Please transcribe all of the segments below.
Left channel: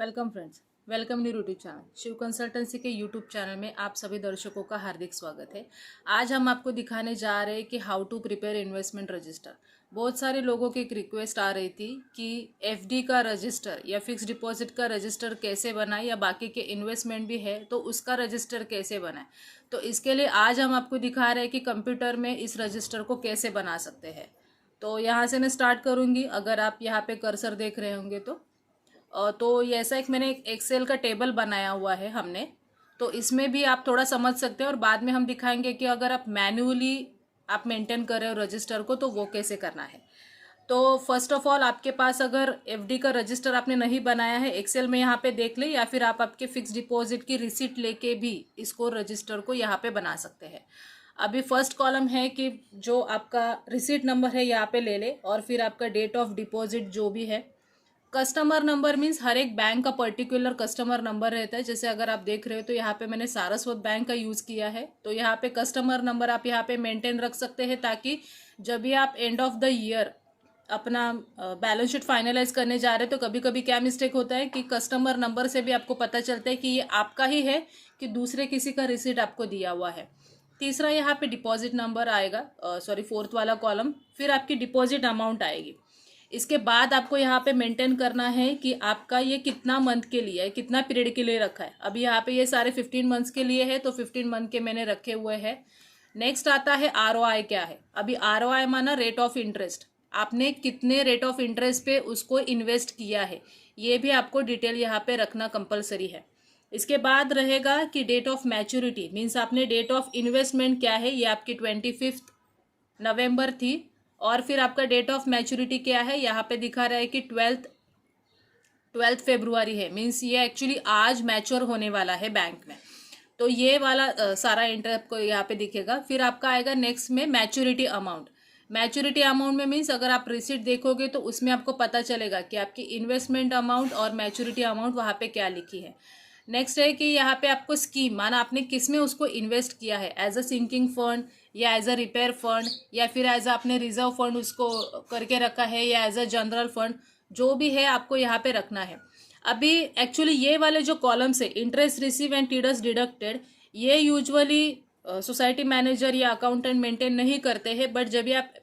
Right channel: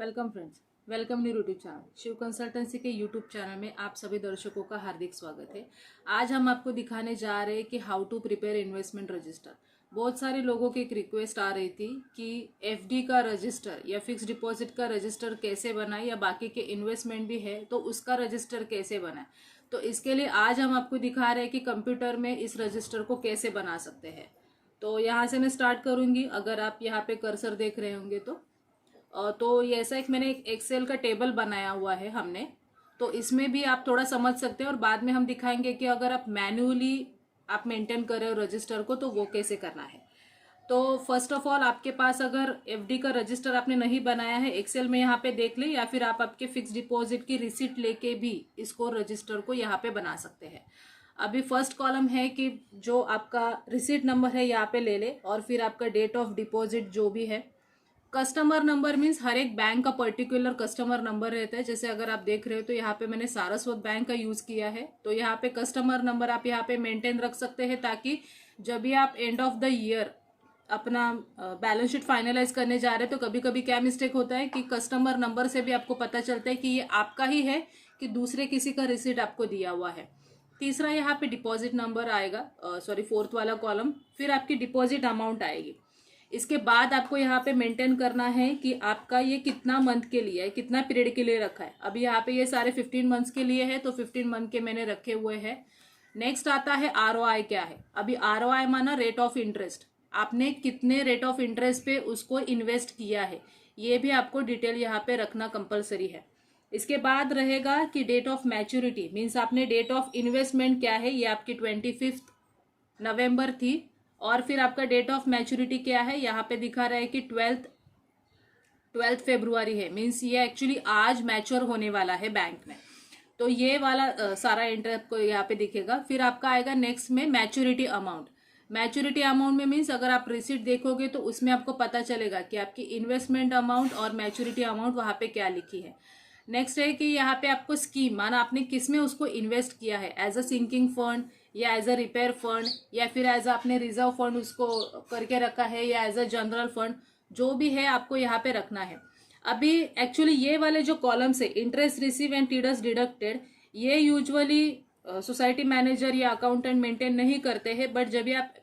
Welcome friends, welcome new YouTube channel Shiv consultancy के YouTube channel में आप सभी दर्शकों का हार्दिक स्वागत है। आज हम आपको दिखाने जा रहे हैं कि how to prepare investment register. बहुत सारे लोगों की एक रिक्वेस्ट आ रही थी कि एफडी का रजिस्टर या फिक्स डिपॉजिट का रजिस्टर कैसे बनाए, या बाकी के इन्वेस्टमेंट भी है तो उसका रजिस्टर कैसे बनाए। तो इसके लिए आज हम आपको दिखा रहे हैं कि कंप्यूटर में इस रजिस्टर को कैसे बना सकते हैं। तो यहाँ से मैं स्टार्ट करूँगी। अगर आप यहाँ पे कर्सर देख रहे होंगे तो ये ऐसा मैंने एक एक्सेल का टेबल बनाया हुआ है हमने। तो इसमें भी आप थोड़ा समझ सकते हैं और बाद में हम दिखाएंगे कि अगर आप मैन्युअली आप मेंटेन कर रहे हो रजिस्टर को तो वो कैसे करना है। तो फर्स्ट ऑफ ऑल आपके पास अगर एफडी का रजिस्टर आपने नहीं बनाया है, एक्सेल में यहाँ पे देख ले, या फिर आप आपके फिक्स डिपॉजिट की रिसिट लेके भी इसको रजिस्टर को यहाँ पे बना सकते हैं। अभी फर्स्ट कॉलम है कि जो आपका रिसिट नंबर है यहाँ पे ले ले, और फिर आपका डेट ऑफ डिपॉजिट जो भी है। कस्टमर नंबर मीन्स हर एक बैंक का पर्टिकुलर कस्टमर नंबर रहता है। जैसे अगर आप देख रहे हो तो यहाँ पे मैंने सारस्वत बैंक का यूज़ किया है, तो यहाँ पे कस्टमर नंबर आप यहाँ पे मेंटेन रख सकते हैं, ताकि जब भी आप एंड ऑफ द ईयर अपना बैलेंस शीट फाइनलाइज करने जा रहे हैं तो कभी कभी क्या मिस्टेक होता है कि कस्टमर नंबर से भी आपको पता चलता है कि ये आपका ही है कि दूसरे किसी का रिसीट आपको दिया हुआ है। तीसरा यहाँ पे डिपॉजिट नंबर आएगा, फोर्थ वाला कॉलम, फिर आपकी डिपॉजिट अमाउंट आएगी। इसके बाद आपको यहाँ पे मेंटेन करना है कि आपका ये कितना मंथ के लिए है, कितना पीरियड के लिए रखा है। अभी यहाँ पे ये सारे 15 मंथ्स के लिए है, तो 15 मंथ के मैंने रखे हुए हैं। नेक्स्ट आता है आरओआई क्या है। अभी आरओआई माना रेट ऑफ इंटरेस्ट, आपने कितने रेट ऑफ इंटरेस्ट पे उसको इन्वेस्ट किया है, ये भी आपको डिटेल यहाँ पे रखना कंपलसरी है। इसके बाद रहेगा कि डेट ऑफ मैच्योरिटी मीन्स आपने डेट ऑफ इन्वेस्टमेंट क्या है, ये आपकी 25 नवंबर थी, और फिर आपका डेट ऑफ मैच्योरिटी क्या है, यहाँ पे दिखा रहा है कि 12 फरवरी है। मीन्स ये एक्चुअली आज मैच्योर होने वाला है बैंक में। तो ये वाला सारा इंटर आपको यहाँ पे दिखेगा। फिर आपका आएगा नेक्स्ट में मैच्योरिटी अमाउंट। मैच्योरिटी अमाउंट में मीन्स अगर आप रिसिट देखोगे तो उसमें आपको पता चलेगा कि आपकी इन्वेस्टमेंट अमाउंट और मैच्योरिटी अमाउंट वहाँ पे क्या लिखी है। नेक्स्ट है कि यहाँ पे आपको स्कीम माना आपने किस में उसको इन्वेस्ट किया है, एज अ सिंकिंग फंड या एज अ रिपेयर फंड, या फिर एज अ आपने रिजर्व फंड उसको करके रखा है, या एज अ जनरल फंड, जो भी है आपको यहाँ पे रखना है। अभी एक्चुअली ये वाले जो कॉलम्स है, interest receive and TDS deducted, ये यूजुअली सोसाइटी मैनेजर या अकाउंटेंट मेंटेन नहीं करते हैं, बट जब भी आप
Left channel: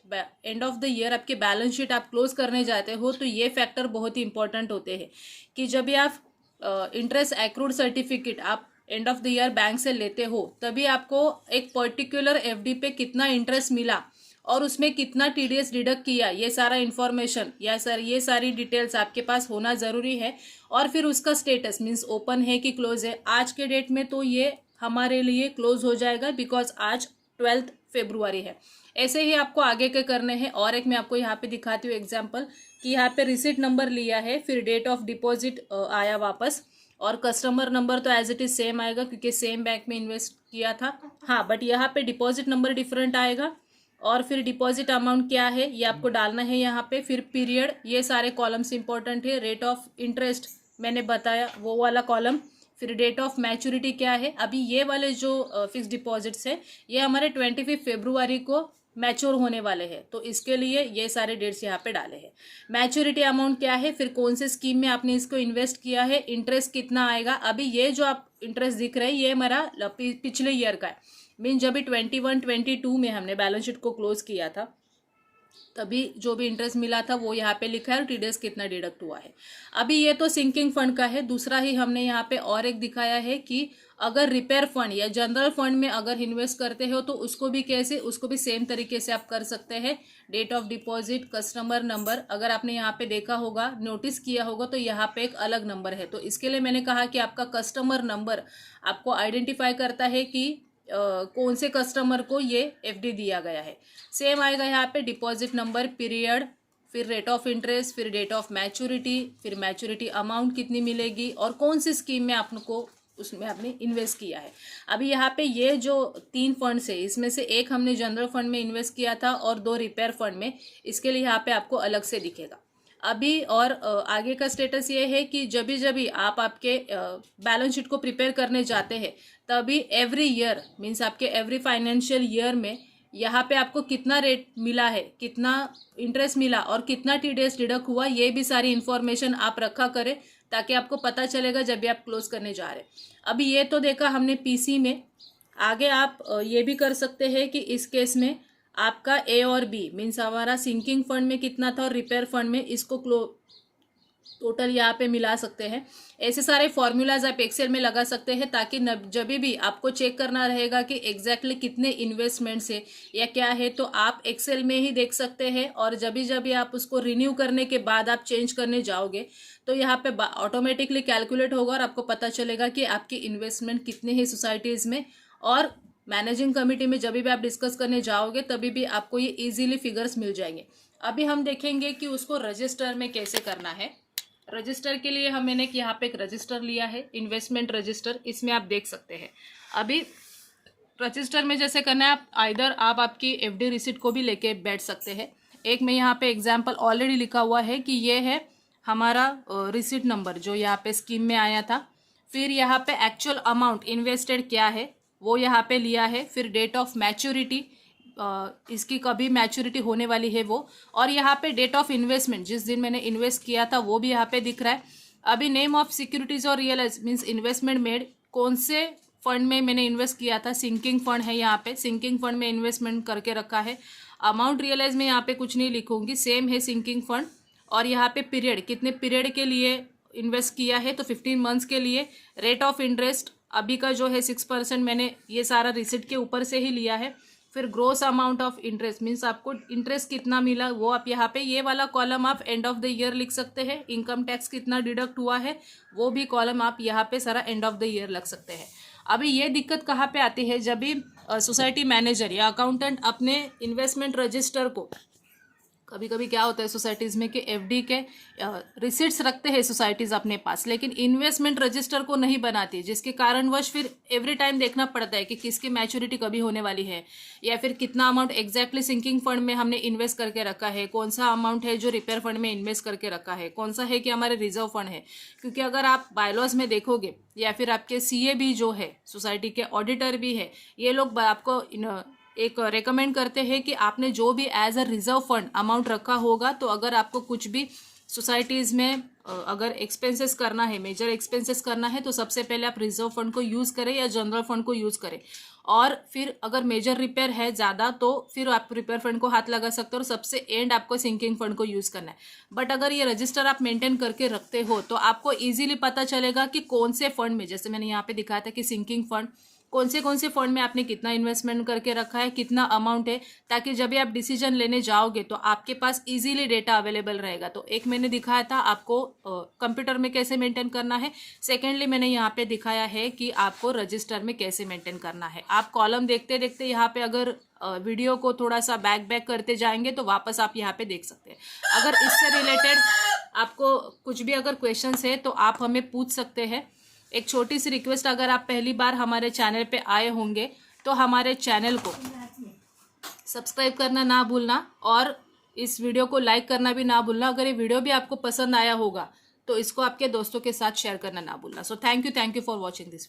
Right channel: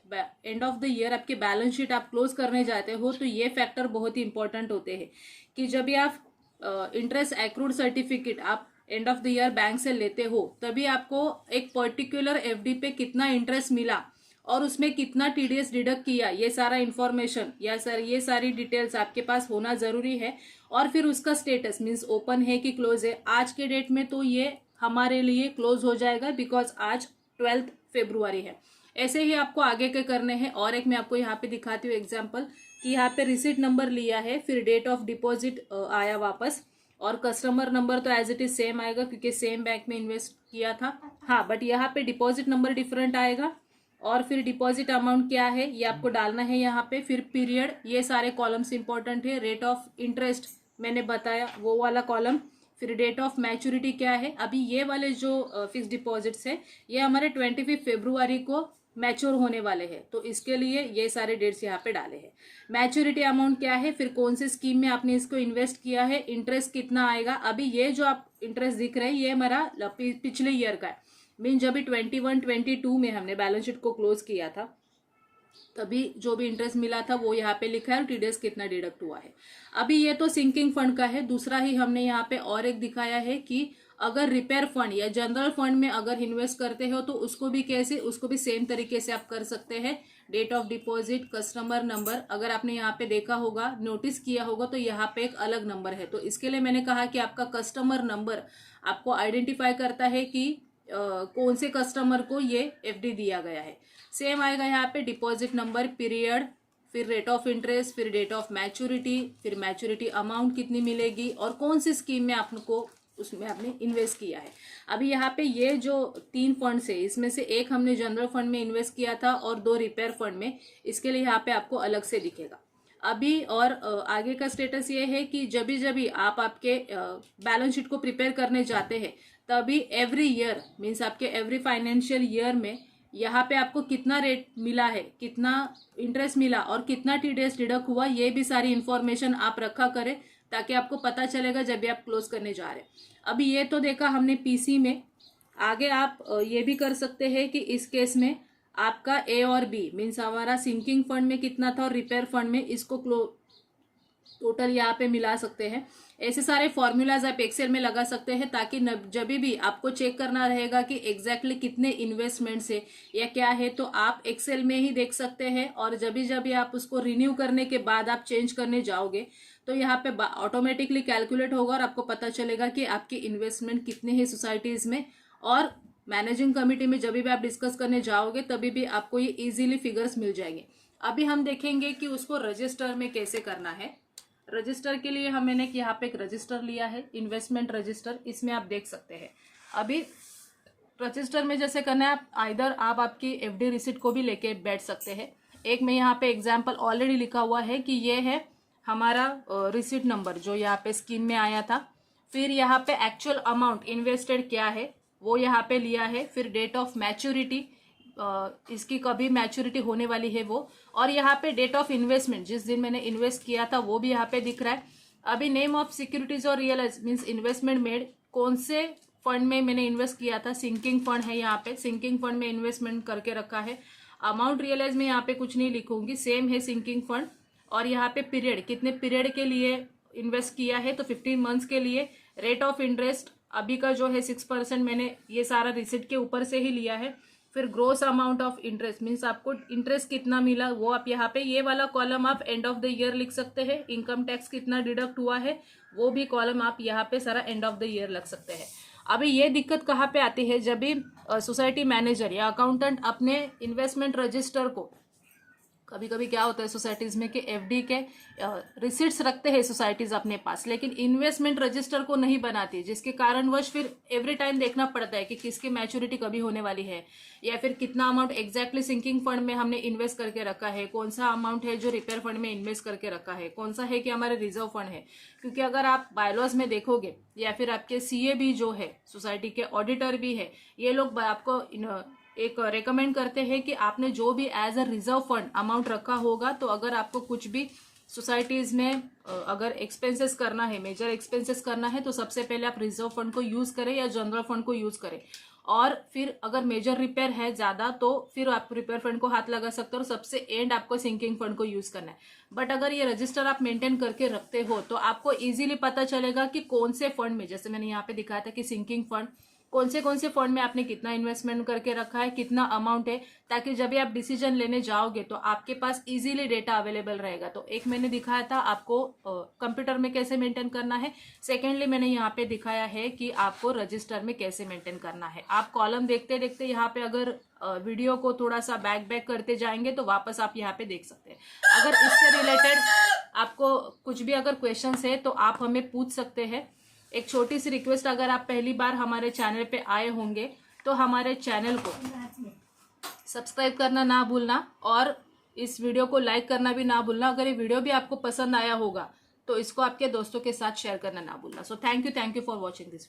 एंड ऑफ द ईयर आपके बैलेंस शीट आप क्लोज करने जाते हो तो ये फैक्टर बहुत ही इंपॉर्टेंट होते हैं कि जब भी आप इंटरेस्ट एक्रूड सर्टिफिकेट आप end of the year bank से लेते हो, तभी आपको एक पर्टिकुलर एफडी पे कितना इंटरेस्ट मिला और उसमें कितना टीडीएस डिडक्ट किया, ये सारा इन्फॉर्मेशन या सर ये सारी डिटेल्स आपके पास होना ज़रूरी है। और फिर उसका स्टेटस मीन्स ओपन है कि क्लोज है। आज के डेट में तो ये हमारे लिए क्लोज हो जाएगा बिकॉज आज 12 फरवरी है। ऐसे ही आपको आगे के करने हैं। और एक मैं आपको यहाँ पे दिखाती हूँ एग्जाम्पल कि यहाँ पे रिसिट नंबर लिया है, फिर डेट ऑफ डिपॉजिट आया वापस, और कस्टमर नंबर तो एज इट इज सेम आएगा क्योंकि सेम बैंक में इन्वेस्ट किया था। हाँ, बट यहाँ पे डिपॉजिट नंबर डिफरेंट आएगा, और फिर डिपॉजिट अमाउंट क्या है ये आपको डालना है यहाँ पे। फिर पीरियड, ये सारे कॉलम्स इंपॉर्टेंट है। रेट ऑफ इंटरेस्ट मैंने बताया वो वाला कॉलम। फिर डेट ऑफ मैच्योरिटी क्या है। अभी ये वाले जो फिक्स डिपॉजिट्स है ये हमारे 25 फरवरी को मैच्योर होने वाले हैं, तो इसके लिए ये सारे डेट्स यहाँ पे डाले हैं। मैच्योरिटी अमाउंट क्या है, फिर कौन से स्कीम में आपने इसको इन्वेस्ट किया है, इंटरेस्ट कितना आएगा। अभी ये जो आप इंटरेस्ट दिख रहे हैं ये हमारा पिछले ईयर का है। मीन जब भी 21-22 में हमने बैलेंस शीट को क्लोज किया था तभी जो भी इंटरेस्ट मिला था वो यहाँ पे लिखा है और टीडीएस कितना डिडक्ट हुआ है। अभी ये तो सिंकिंग फंड का है। दूसरा ही हमने यहाँ पे और एक दिखाया है कि अगर रिपेयर फंड या जनरल फंड में अगर इन्वेस्ट करते हो तो उसको भी कैसे, उसको भी सेम तरीके से आप कर सकते हैं। Date of deposit, customer number, अगर आपने यहाँ पे देखा होगा, नोटिस किया होगा तो यहाँ पे एक अलग नंबर है। तो इसके लिए मैंने कहा कि आपका कस्टमर नंबर आपको आइडेंटिफाई करता है कि कौन से कस्टमर को ये एफडी दिया गया है। सेम आएगा यहाँ पे डिपॉजिट नंबर, पीरियड, फिर रेट ऑफ इंटरेस्ट, फिर डेट ऑफ मैच्योरिटी, फिर मैच्योरिटी अमाउंट कितनी मिलेगी और कौन सी स्कीम में आपको उसमें आपने इन्वेस्ट किया है। अभी यहाँ पे ये जो 3 फंड्स है इसमें से एक हमने जनरल फंड में इन्वेस्ट किया था और 2 रिपेयर फंड में, इसके लिए यहाँ पे आपको अलग से दिखेगा। अभी और आगे का स्टेटस ये है कि जब भी आप आपके बैलेंस शीट को प्रिपेयर करने जाते हैं तभी एवरी ईयर मीन्स आपके एवरी फाइनेंशियल ईयर में यहाँ पे आपको कितना रेट मिला है, कितना इंटरेस्ट मिला और कितना TDS डिडक्ट हुआ, ये भी सारी इन्फॉर्मेशन आप रखा करें ताकि आपको पता चलेगा जब भी आप क्लोज करने जा रहे हैं। अभी ये तो देखा हमने पीसी में। आगे आप ये भी कर सकते हैं कि इस केस में आपका ए और बी मीन्स हमारा सिंकिंग फंड में कितना था और रिपेयर फंड में, इसको टोटल यहाँ पे मिला सकते हैं। ऐसे सारे फॉर्मूलाज आप एक्सेल में लगा सकते हैं ताकि जब भी आपको चेक करना रहेगा कि एग्जैक्टली कितने इन्वेस्टमेंट्स है या क्या है, तो आप एक्सेल में ही देख सकते हैं। और जब भी आप उसको रिन्यू करने के बाद आप चेंज करने जाओगे तो यहाँ पे ऑटोमेटिकली कैलकुलेट होगा और आपको पता चलेगा कि आपकी इन्वेस्टमेंट कितने हैं सोसाइटीज़ में। और मैनेजिंग कमेटी में जब भी आप डिस्कस करने जाओगे तभी भी आपको ये इजीली फिगर्स मिल जाएंगे। अभी हम देखेंगे कि उसको रजिस्टर में कैसे करना है। रजिस्टर के लिए मैंने यहाँ पे एक रजिस्टर लिया है, इन्वेस्टमेंट रजिस्टर। इसमें आप देख सकते हैं अभी रजिस्टर में जैसे करना है, आप आइदर आप आपकी FD रिसिट को भी लेके बैठ सकते हैं। एक में यहाँ पे एग्जाम्पल ऑलरेडी लिखा हुआ है कि ये है हमारा रिसिट नंबर जो यहाँ पे स्कीम में आया था। फिर यहाँ पे एक्चुअल अमाउंट इन्वेस्टेड क्या है वो यहाँ पे लिया है। फिर डेट ऑफ मैच्योरिटी, इसकी कभी मैच्योरिटी होने वाली है वो, और यहाँ पे डेट ऑफ इन्वेस्टमेंट जिस दिन मैंने इन्वेस्ट किया था वो भी यहाँ पे दिख रहा है। अभी नेम ऑफ सिक्योरिटीज और रियल मीन्स इन्वेस्टमेंट मेड, कौन से फंड में मैंने इन्वेस्ट किया था, सिंकिंग फंड है यहाँ पे, सिंकिंग फंड में इन्वेस्टमेंट करके रखा है। अमाउंट रियलाइज में यहाँ पे कुछ नहीं लिखूंगी, सेम है सिंकिंग फंड। और यहाँ पे पीरियड, कितने पीरियड के लिए इन्वेस्ट किया है तो 15 मंथ्स के लिए। रेट ऑफ इंटरेस्ट अभी का जो है 6%, मैंने ये सारा रिसिट के ऊपर से ही लिया है। फिर gross amount of interest means आपको इंटरेस्ट कितना मिला वो आप यहाँ पे, ये वाला कॉलम आप एंड ऑफ द ईयर लिख सकते हैं। इनकम टैक्स कितना डिडक्ट हुआ है वो भी कॉलम आप यहाँ पे सारा एंड ऑफ द ईयर लग सकते हैं। अभी ये दिक्कत कहाँ पे आती है, जब भी सोसाइटी मैनेजर या अकाउंटेंट अपने इन्वेस्टमेंट रजिस्टर को, कभी कभी क्या होता है सोसाइटीज़ में कि FD के रिसिट्स रखते हैं सोसाइटीज़ अपने पास, लेकिन इन्वेस्टमेंट रजिस्टर को नहीं बनाती, जिसके कारणवश फिर एवरी टाइम देखना पड़ता है कि किसकी मैच्योरिटी कभी होने वाली है, या फिर कितना अमाउंट एग्जैक्टली सिंकिंग फंड में हमने इन्वेस्ट करके रखा है, कौन सा अमाउंट है जो रिपेयर फंड में इन्वेस्ट करके रखा है, कौन सा है कि हमारे रिजर्व फंड है। क्योंकि अगर आप बायलॉज में देखोगे या फिर आपके CA भी जो है, सोसाइटी के ऑडिटर भी है, ये लोग आपको एक रेकमेंड करते हैं कि आपने जो भी as a reserve fund amount रखा होगा, तो अगर आपको कुछ भी सोसाइटीज़ में अगर एक्सपेंसेस करना है, मेजर एक्सपेंसेस करना है, तो सबसे पहले आप रिजर्व फंड को यूज़ करें या जनरल फंड को यूज़ करें। और फिर अगर मेजर रिपेयर है ज़्यादा तो फिर आप रिपेयर फंड को हाथ लगा सकते हो, और सबसे एंड आपको सिंकिंग फंड को यूज़ करना है। बट अगर ये रजिस्टर आप मेंटेन करके रखते हो तो आपको ईजिली पता चलेगा कि कौन से फंड में, जैसे मैंने यहाँ पे दिखाया था कि सिंकिंग फंड, कौन से फंड में आपने कितना इन्वेस्टमेंट करके रखा है, कितना अमाउंट है, ताकि जब भी आप डिसीजन लेने जाओगे तो आपके पास इजीली डेटा अवेलेबल रहेगा। तो एक मैंने दिखाया था आपको कंप्यूटर में कैसे मेंटेन करना है, सेकेंडली मैंने यहाँ पे दिखाया है कि आपको रजिस्टर में कैसे मेंटेन करना है। आप कॉलम देखते देखते यहाँ पे अगर वीडियो को थोड़ा सा बैक करते जाएंगे तो वापस आप यहाँ पे देख सकते हैं। अगर इससे रिलेटेड आपको कुछ भी अगर क्वेश्चंस है तो आप हमें पूछ सकते हैं। एक छोटी सी रिक्वेस्ट, अगर आप पहली बार हमारे चैनल पे आए होंगे तो हमारे चैनल को सब्सक्राइब करना ना भूलना और इस वीडियो को लाइक करना भी ना भूलना। अगर ये वीडियो भी आपको पसंद आया होगा तो इसको आपके दोस्तों के साथ शेयर करना ना भूलना। So thank you for watching this.